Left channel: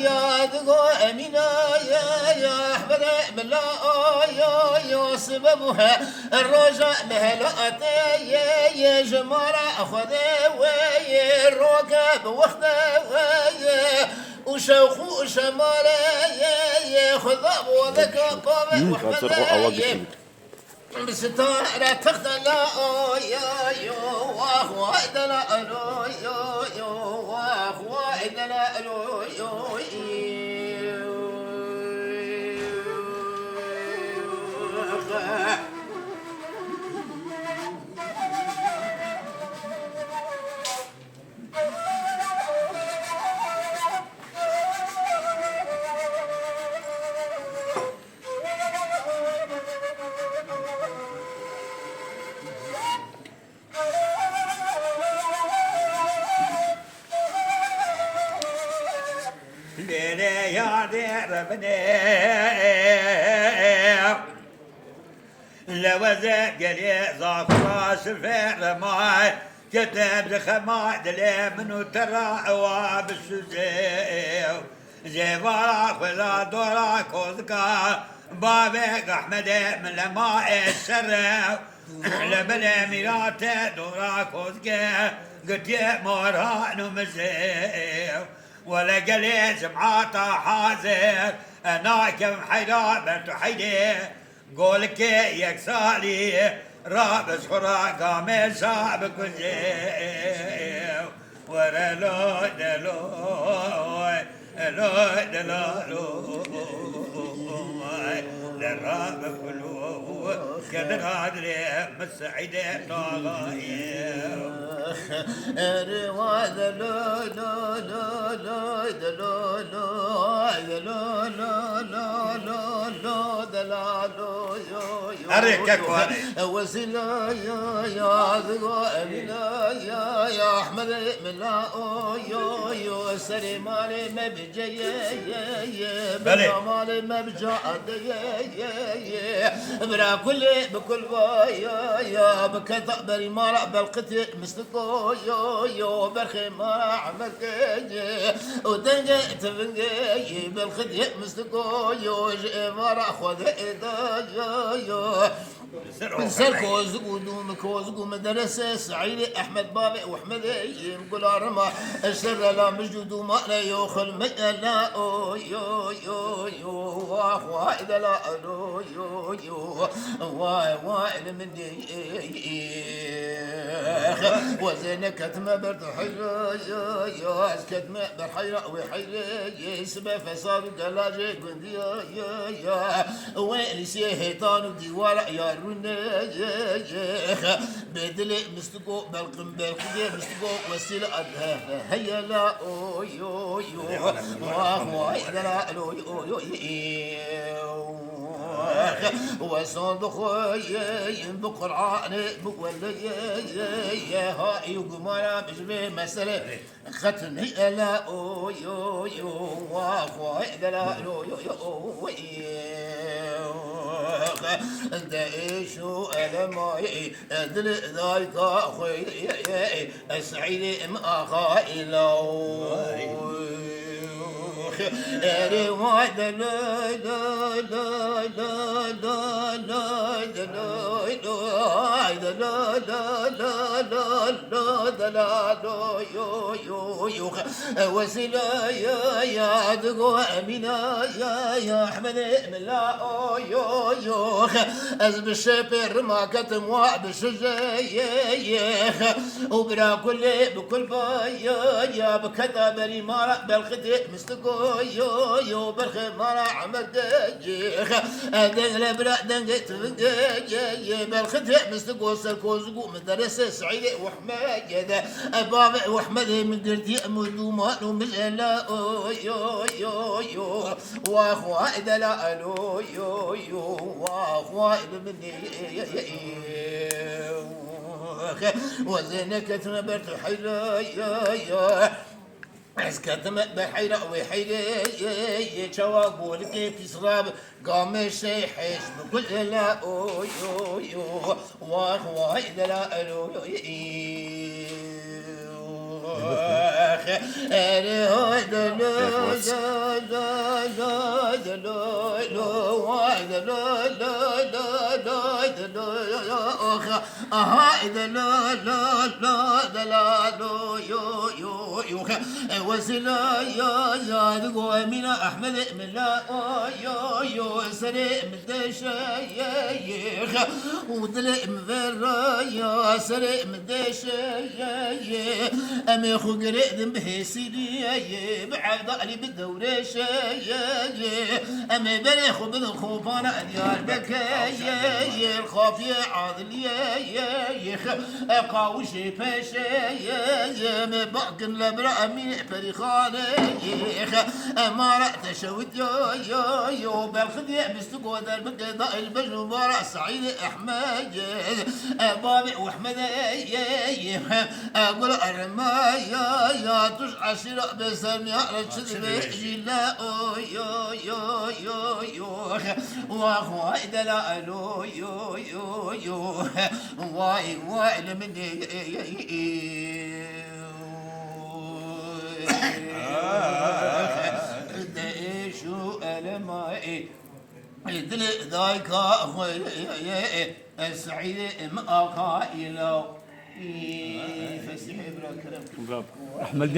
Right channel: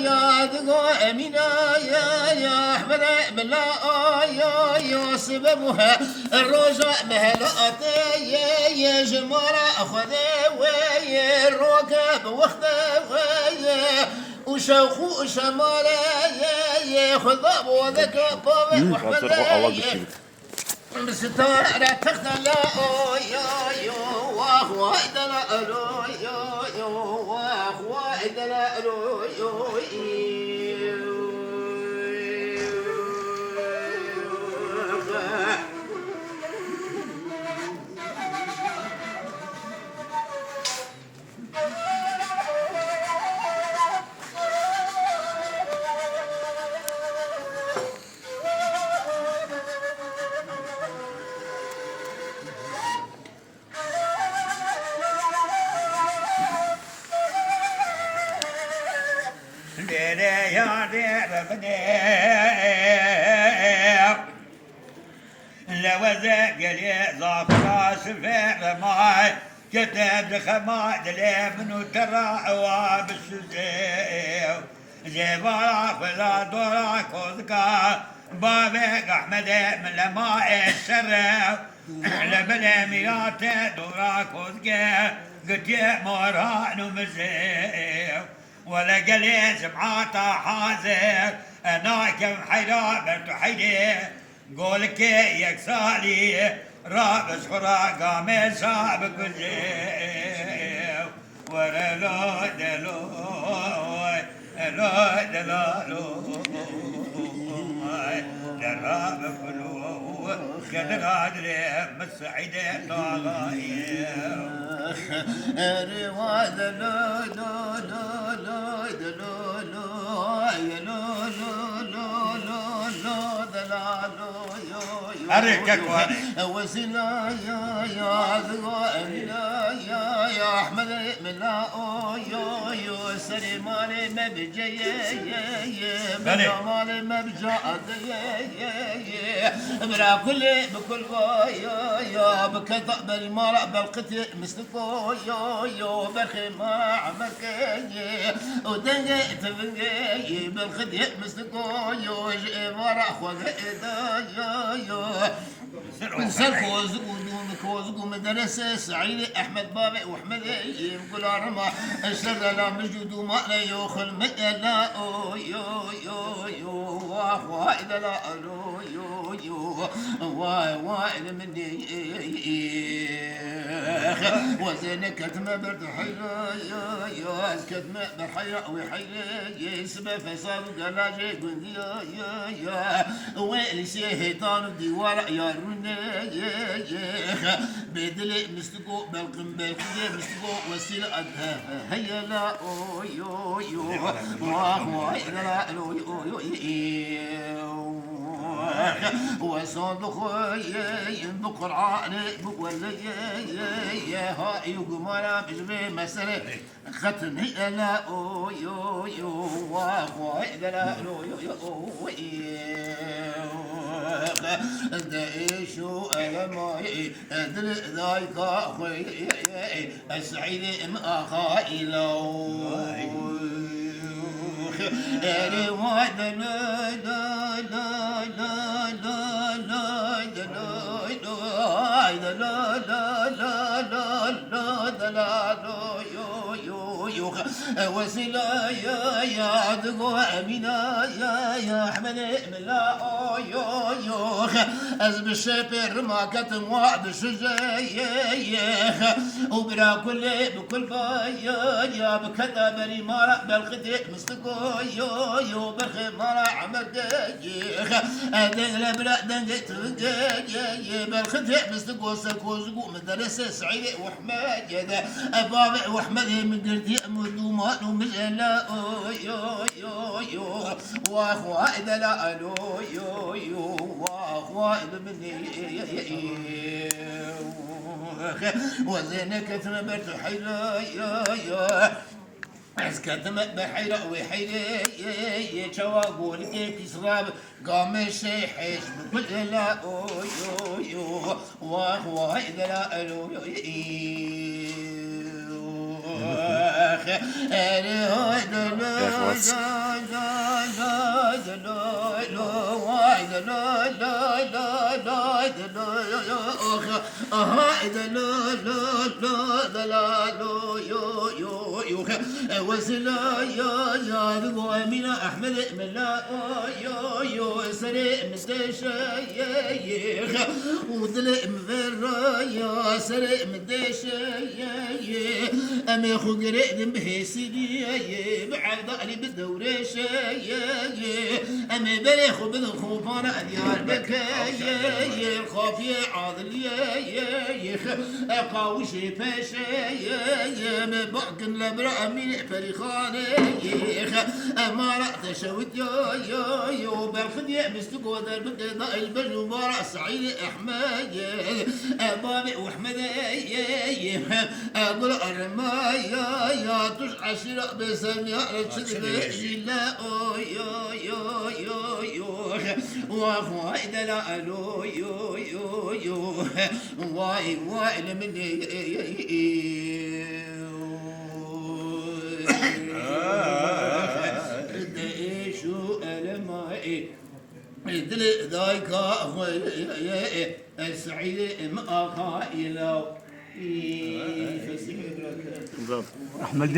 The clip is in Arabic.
يا دقو أمينة يا أحمد بلا يا سببها الرجاء مهلقتي يا جمارة أخذي ويا الركب وخذي ويا وشوخو شمالي يا خذاب وذكى قوي وحمد ستارة تختلا يا واخوا إدنا يا واخوا إدنا لوزق لي ظفر شفير ماي كتب خماد لي منو ترى وابسوزيو زيفارا خذا دورا كوزكا بابك احمد من لما الشر لبلا ميرات دورا كوزكا قلت يا موران ومزيو ولا قلي سمعاتا حازر انا كم حيرا بنت حيدي قولك يكسالي رابس خراقا مسابق زيو ورلو دلو لو دلالو دراب كلو قدر عدلي مسعيدة طاغايو رواد لو لو لو لو لو لو لو لو لو دلالو أريكك وسلا يا ذو يا أحمد ملا يا سليمان ما بجي بلا مالي ما بجاد برا بكل يا بكذا بري ما بالقتل مستكو يا برخي ما عملك ودنجي تفنجي بالخدي مستكو يا ما خذ يا سلكو زقو دومك وزقو مدرسة سعيد أحمد بابي وأحمد يقول رما السر لا مجد وما لا يوخل لا يو واخوا إذا لا يو وائل مني وزينك كتمة برد حيرة يا كتمة برحيرة وحيرة سبا فصار قلاجي قندي يا وائل سيهتان الديوار يا روني بدلي مستقو بالقم بالقية مستقو وسيلة هيا لا يو واخوا إذا لا يو وصندوق ينبق العاني بقول يا هاي وقمانا بجمي مسألة ختم هي لا يو واخوا إذا لا يو دايشو ألماي أدل ذاك أخوي السعيد ما خايلو أري واحد لا لا لا لا لا لا لا لا لا لا يو وسيلة يا دقو أمينة يا أحمد ملا يو أزب الشبر ما كتم وابسجيخ وبرا بكل بايا بكذا بري مارا بالخدي مستقو يو برخي مارا عمل ديخ دنجل برا دنجل تفنجي بالخدي مستقو سلكو زقو مدرسة سعيد وحمد بابا وحمد من قردي مدومان ومجلا يو واخوا إذا لا يو واخوا إذا مني وزينك تنبرت حيرا يا اسكت بحيرة وحيرة شواقول كيف سراب قام حيش بكل لا يو واخوا إذا لا وسلا يا ذو من احمد ملا يو سري مستشيخ وظلم يا سري مدشي امي خو قريد بهسيدي بعد علي بالدورة شي امي بريخ بالخوفانا ديار بكاي الخوف عاضل يخ قاوشي باشي مباقن لبرا امين فريخاني يخ امارة تشوت يو بالخديع مستقوى البقضاء البجو بارع سعيد احمد بابي واحمد اقول الرماي يا تش عشرة بسم يا رشد لا يو واخواي دلالو يو واي لمني شو ألماي دل ذاك السعيد ما قائلو احمد